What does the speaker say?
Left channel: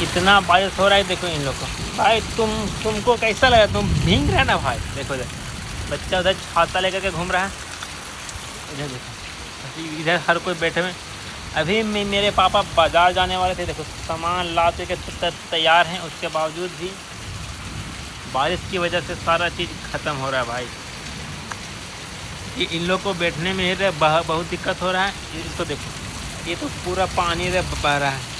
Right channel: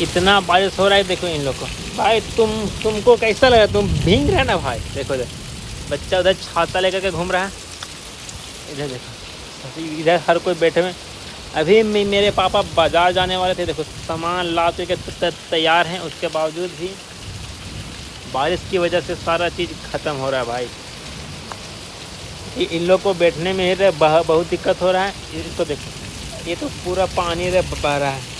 इतना बारिश हो रहा है, देखो इन लोग को। भाई तुमको कैसा लगा? तुम भीग रहे ना भाई। देखो बच्चा उधर छाता लेकर के घूम रहा है, इधर देखो, इधर हर कोई बैठे हुए। अभी मेरे पापा बाजार जाने वाले थे, देखो सामान ला के तैयार हैं, उसके बावजूद भी बारिश की वजह से सारा चीज़ ख़त्म हो रहा है भाई। इन लोग को बैठने में ही बहुत दिक्कत हो रहा है। ये तो देखो, ये तो पूरा पानी बह रहा है।